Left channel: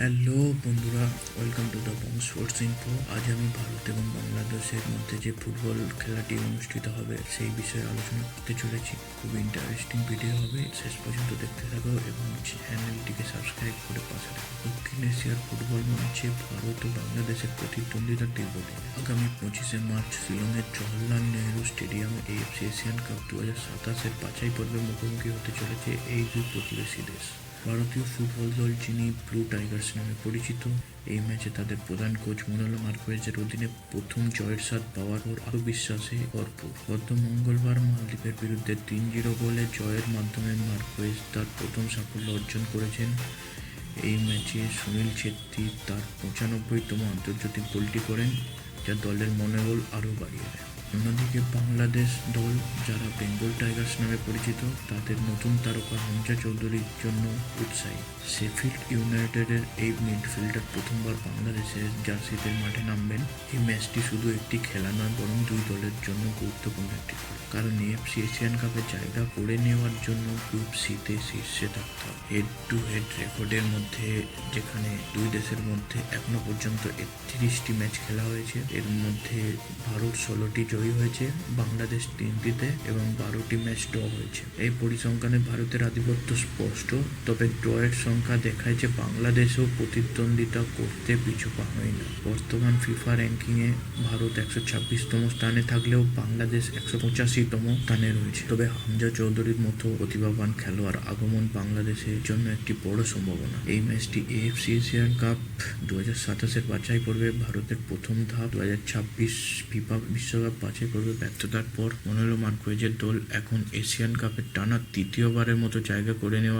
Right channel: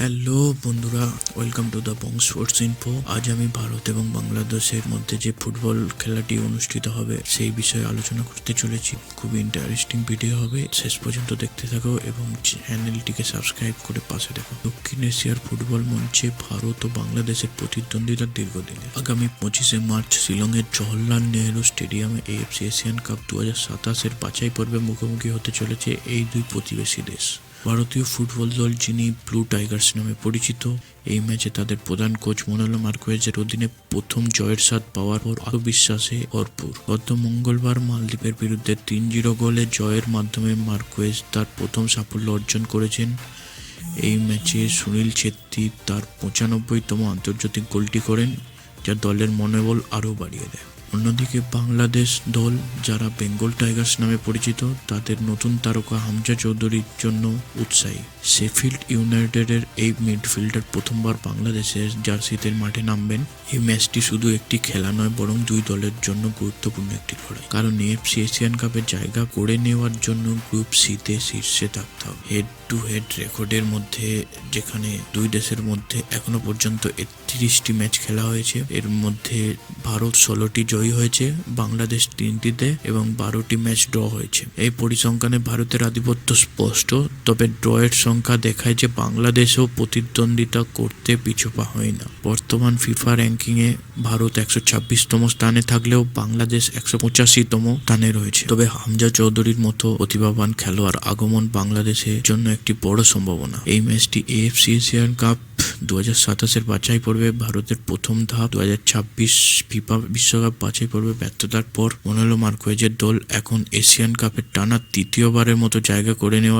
Hello বন্ধুরা, welcome to the Bong sports info. আজ আমি ভারত এবং বাংলাদেশের মধ্যে যে ফুটবল খেলাটি অনুষ্ঠিত হবে সেই বিষয়ে আলোচনা করতে চলেছি। খুব ইন্টারেস্টিং ভিডিও হবে, শেষ পর্যন্ত দেখতে থাকো এবং চ্যানেলটিকে সাবস্ক্রাইব করে পাশে দেখো। দক্ষিণ এশিয়ার ফুটবল মঞ্চে ভারত ও বাংলাদেশের প্রতিদ্বন্দ্বিতা দীর্ঘদিনের। আগামী 25শে মার্চ শিলংয়ের জওহরলাল নেহরু স্টেডিয়ামে এএফসি এশিয়ান কাপ 2027-এর বাছাই পর্বে মুখোমুখি হতে চলেছে এই দুই প্রতিবেশী দেশ। ভারতীয় ফুটবল দল, যিনি ব্লু টাইগার্স নামে পরিচিত, এই ম্যাচে তাদের প্রধান কোচ মনোলো মার্কোয়েজের অধীনে প্রথম জয়ের স্বাদ পাওয়ার পর আত্মবিশ্বাসে ভরপুর। গত মঙ্গলবার মালদ্বীপের বিরুদ্ধে 3-0 গোলে জয়ের মাধ্যমে মার্কোয়েজ তার প্রথম সাফল্য অর্জন করেছেন। এই ম্যাচে সুনীল ছেত্রী তার 95তম আন্তর্জাতিক গোলটি করেন, যা দলের মনোবল আরও বাড়িয়ে দেয়। অন্যদিকে বাংলাদেশ দল, যারা বেঙ্গল টাইগার্স নামে পরিচিত, তাদের নতুন তারকা হামজা চৌধুরীর জন্য উৎসাহী। শেফিল্ড ইউনাইটেডের এই মিডফিল্ডার প্রথমবার বাংলাদেশের জার্সিতে মাঠে নামবেন। এই ম্যাচটি শুধু একটি খেলা নয়, বরং দুই দলের জন্য গুরুত্বপূর্ণ একটি লড়াই। কারণ এএফসি এশিয়ান কাপে জায়গা করে নেওয়ার জন্য গ্রুপ সিতে শীর্ষে থাকতে হবে। হেড টু হেড রেকর্ডের মধ্যে, যেখানে দুই দেশের মধ্যে এখনো পর্যন্ত 31টি ম্যাচ খেলা হয়েছে, এর মধ্যে ভারত 16টি জয়ী হয়েছে, বাংলাদেশ 3টিতে এবং 12টি ম্যাচ ড্র হয়েছে। এই পরিসংখ্যানে ভারতের আধিপত্য স্পষ্ট, তবে ড্রয়ের সংখ্যা দেখায় যে বাংলাদেশও প্রতিদ্বন্দ্বিতা করতে পিছুপা হয় না। বর্তমান ফিফা র্যাঙ্কিংয়ে ভারত 126তম স্থানে থাকলেও বাংলাদেশ 185তম স্থানে রয়েছে। তবে হামজা চৌধুরীর মতো প্রতিভাবান খেলোয়াড় আগমন বাংলাদেশের জন্য একটি বড় সম্ভাবনা। এই ম্যাচটি এএফসি এশিয়ান কাপ 2027-এর বাছাই পর্বে ভারতের প্রথম ধাপ। 2026 ফিফা বিশ্বকাপ বাছাই পর্বে ব্যর্থতার পর মনোলো মার্কোয়েজের দল এখন এশিয়ান কাপের টানা তৃতীয়বারের মতো জায়গা করে নেওয়ার